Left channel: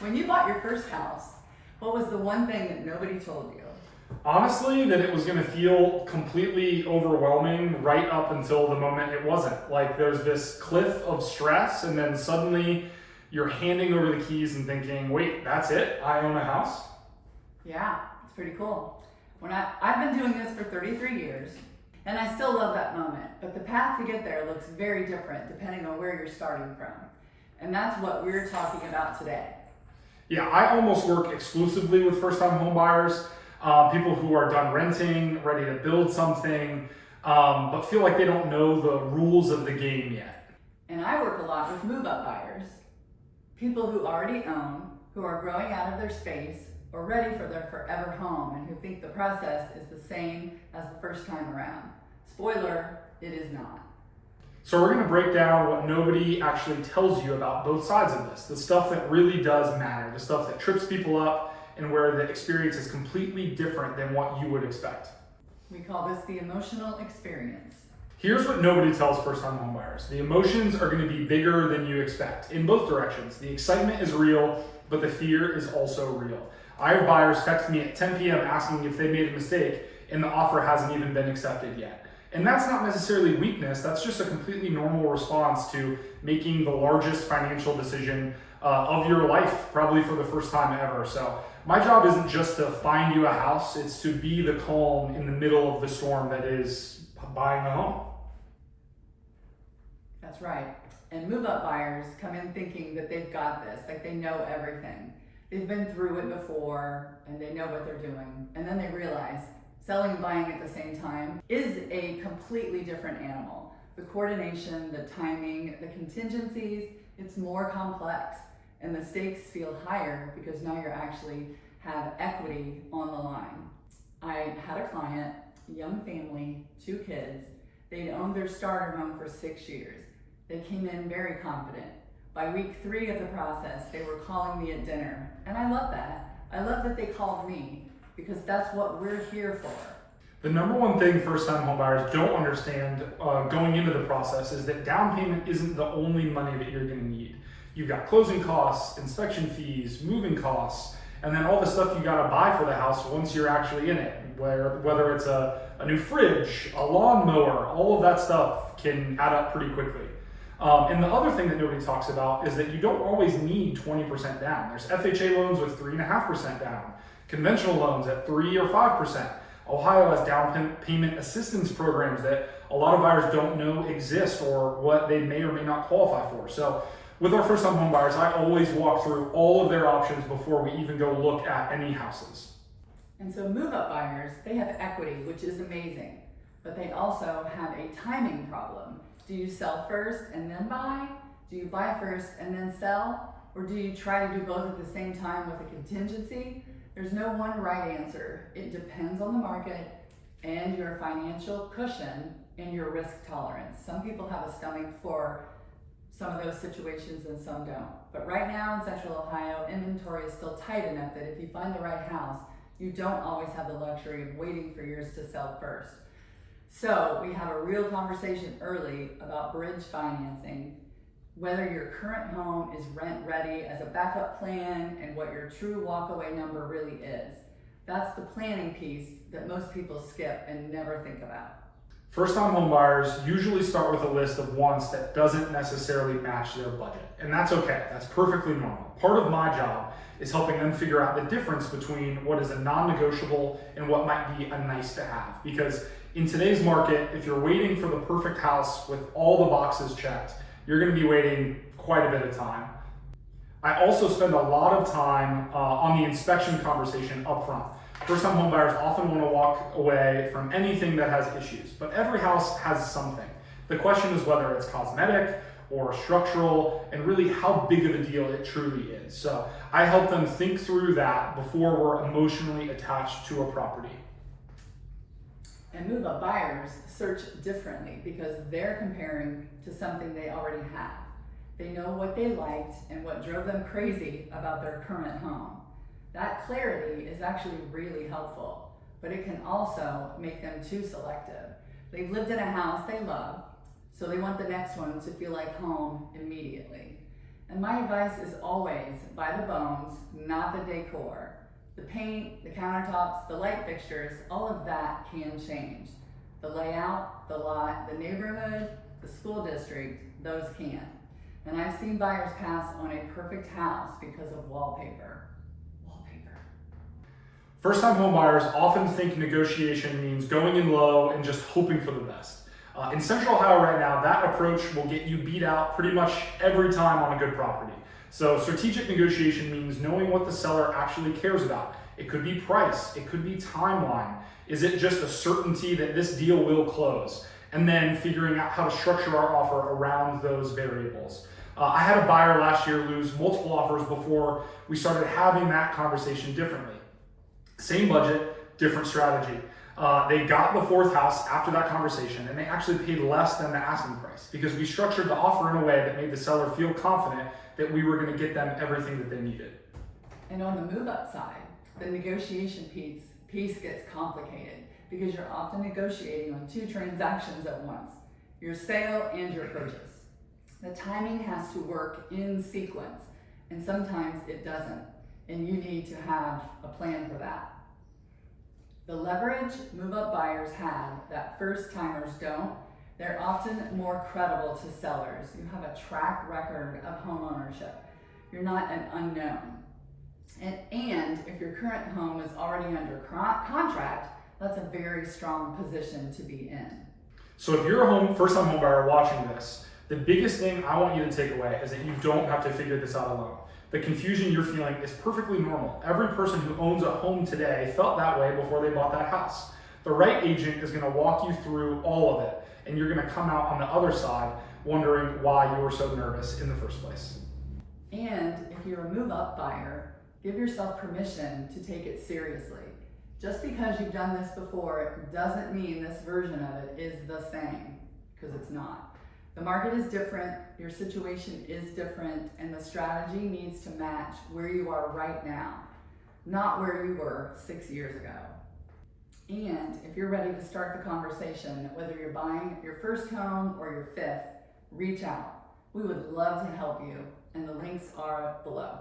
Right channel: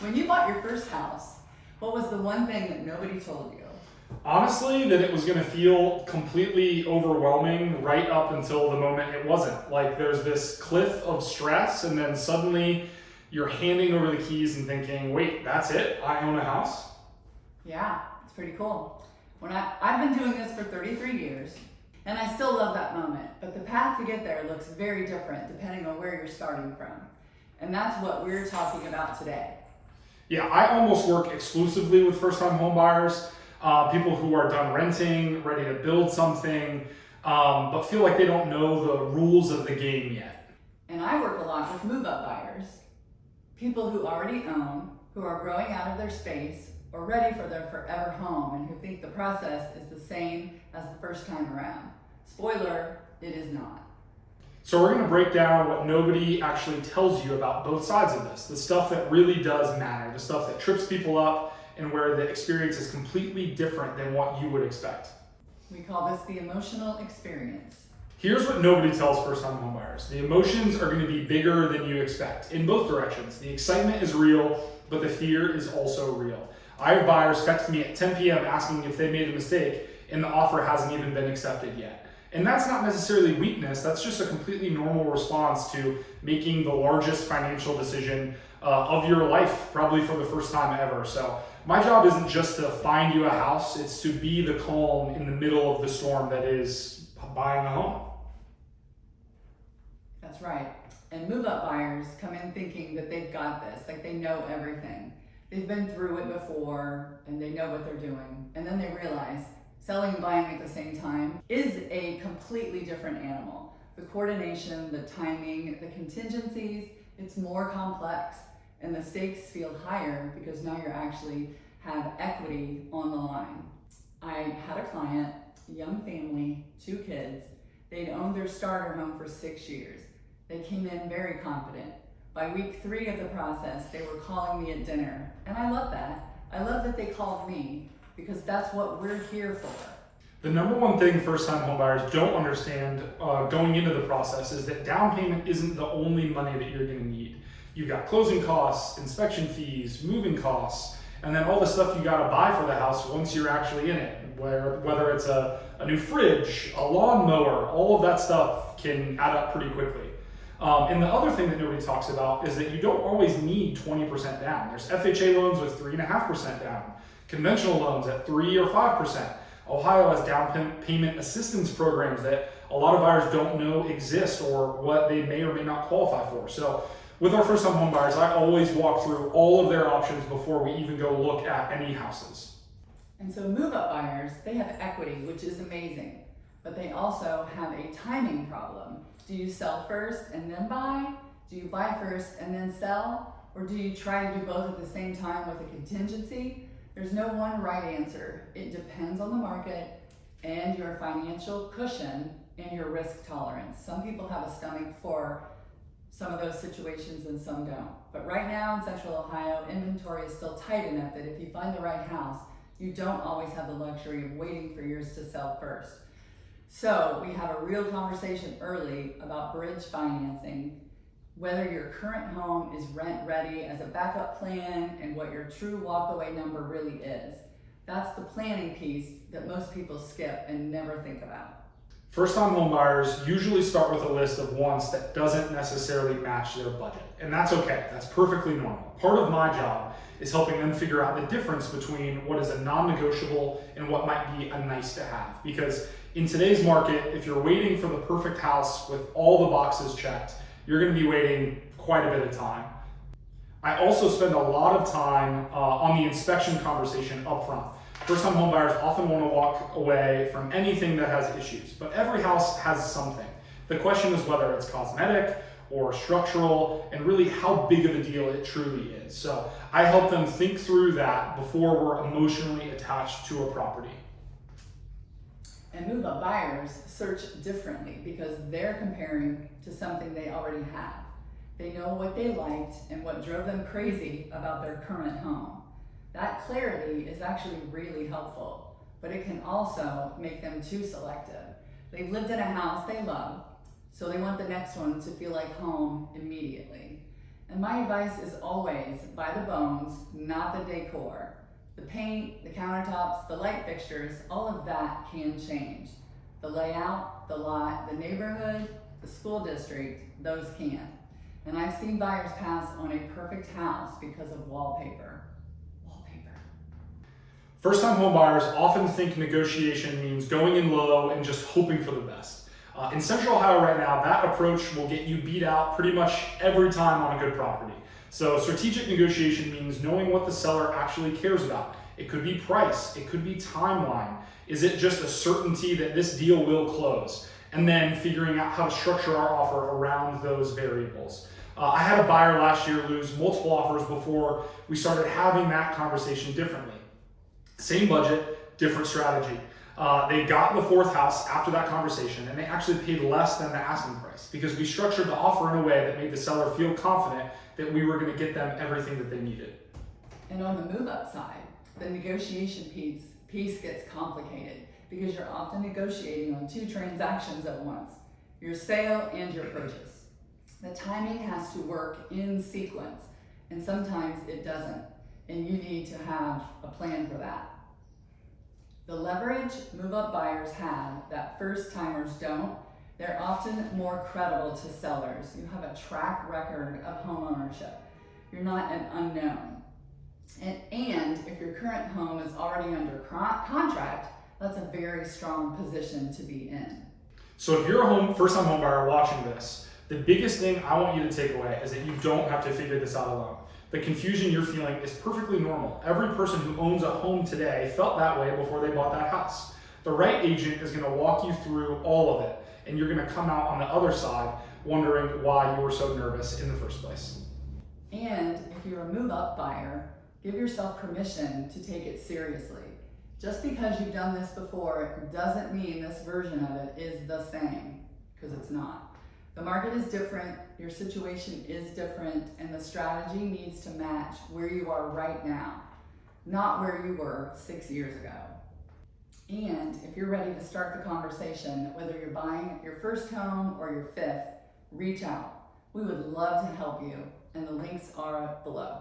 When you bought your first house, what was the one thing that nobody told you? Honestly, that it was going to feel completely overwhelming right up until the moment it wasn't. Like there's this cliff of stress, and then suddenly you're handing over the keys and thinking, wait, that's it? I own a house? Yeah, it's pretty cool. I've been doing this for 33 years, and I still love that moment, but the path to get there looks very different depending on where you're starting from. And that's what we're talking about today. Yeah, I almost work exclusively with first-time home buyers, people who are done renting, ready to build something, but feel like they don't know the rules of the game yet. And I work a lot with move-up buyers, people who already own, who are growing out of their space, or ready for their forever home, and who think the process is the same as the first time around. Spoiler, it is not. So we're going to break down what nobody actually tells you about both sides of this, the stuff that really does matter, the stuff that trips people up, and where the experience is completely different than what you would expect. We call this the emotional experience. Here's what nobody tells first-time homebuyers. The emotions are going to be bigger than you expect in both directions. The excitement is real, but the fear is also real. I have buyers text me at 10 p.m. asking if they made a mistake, and the offer hasn't even been accepted yet. And that's not necessarily weakness, that's just a completely normal response to making the largest financial decision of your life, probably for the first time ever. So my job isn't just to find you a house, it's to be the calm in the middle of the storm that is buying a home. That's right. And move-up buyers come in thinking that they've got this, like they know everything. They've been through it before and they know what they're doing. And then they realize selling and buying at the same time is a completely different animal. The coordination, the timing, the contingencies, it's more complex, and the stakes feel higher because now you actually have equity on the line. I had a client, young family, 2 kids. They'd owned their starter home for 6 years. They came in very confident. By week 3 of the process, they were calling me at dinner, and I love that. I love that they called me, because that's what we're here for. The number one thing first-time homebuyers don't understand going into the process is that down payment isn't the only money that you're going to need. You've got closing costs, inspection fees, moving costs, and then all the stuff you got to buy for the house once you're actually in it. Whether it's a new fridge, a lawnmower, all of that stuff can add up pretty quickly. And the other thing that nobody talks about is that you don't always need 20% down. There's FHA loans with 3.5% down. Conventional loans at 3 or 5%. Ohio has down payment assistance programs that a lot of buyers don't know exist or what they may or may not qualify for. So with our first-time home buyers, I always walk through all of their options before we even go look at any houses. And so move-up buyers, they have equity, which is amazing, but they also have a timing problem. Do you sell first and then buy? Do you buy first and then sell? Or do you try to do both at the same time with a contingency? There's no one right answer. It depends on the market and your financial cushion and your risk tolerance. Some people have a stomach for some of those situations and some don't. But right now in Central Ohio, inventory is still tight enough that if you find the right house, you don't always have the luxury of waiting for yours to sell first. So we have a real conversation early about bridge financing, whether your current home is rent ready as a backup plan, and what your true walkaway number really is. That's the planning piece that most people skip and never think about. First-time home buyers usually start with a list of wants that doesn't necessarily match their budget. And that's okay, that's perfectly normal. Part of my job is helping them figure out the difference between what is a non-negotiable and what might be a nice to have. Because in today's market, if you're waiting for the perfect house with all the boxes checked, you're going to be waiting quite a bit of time. I also spend a lot of time on the inspection conversation up front. First-time homebuyers often want to walk away from anything that has issues, but every house has something. The question is whether it's cosmetic or structural, and really how big of a deal it truly is. So I help them think through that before we're emotionally attached to a property. And move-up buyers search differently because they're comparing to something they already have. They know what they liked and what drove them crazy about their current home. That clarity is actually really helpful, but it can also make them too selective. They've lived in a house they love, so they want the next one to feel like home immediately. And my advice is always buy the bones, not the decor. The paint, the countertops, the light fixtures, all of that can change. The layout, the lot, the neighborhood, the school district, those can. And I've seen buyers pass on a perfect house because of wallpaper. Wallpaper. First-time home buyers often think negotiation means going in low and just hoping for the best. In Central Ohio right now, that approach will get you beat out pretty much every time on a good property. So strategic negotiation means knowing what the seller actually cares about. It could be price, it could be timeline. Is it just a certainty that this deal will close? And then figuring out how to structure our offer around those variables. I had a buyer last year lose multiple offers before we started having that conversation differently. Same budget, different strategy. They got the fourth house after that conversation, and they actually paid less than the asking price because we structured the offer in a way that made the seller feel confident that we were going to get them everything that they needed. And on the move-up side, the negotiation piece gets complicated because you're often negotiating on two transactions at once, your sale and your purchase. The timing has to work in sequence, and sometimes it doesn't, and you need to have a plan for that. The leverage move-up buyers have that first-timers don't, they're often more credible to sellers. You have a track record of home ownership. You're not an unknown. And if your current home is already under contract, that's a very strong position to be in. So if you're a first-time home buyer watching this, the biggest thing I want you to take away is that you don't have to figure this out alone. The confusion you're feeling is perfectly normal. Every person who owns a home today felt that way before they bought that house. The right agent is going to walk you through all of it, and you're going to come out on the other side wondering why you were so nervous in the first place. And if you're a move-up buyer, give yourself permission to take it seriously. Just because you've done this before doesn't mean this version of it is the same, because it's not. The market is different, your situation is different, and the strategy needs to match where you are right now, not where you were 6 years ago. And if you're ready to start the conversation, whether you're buying your first home or your fifth, reach out. We would love to help you, and the links are below.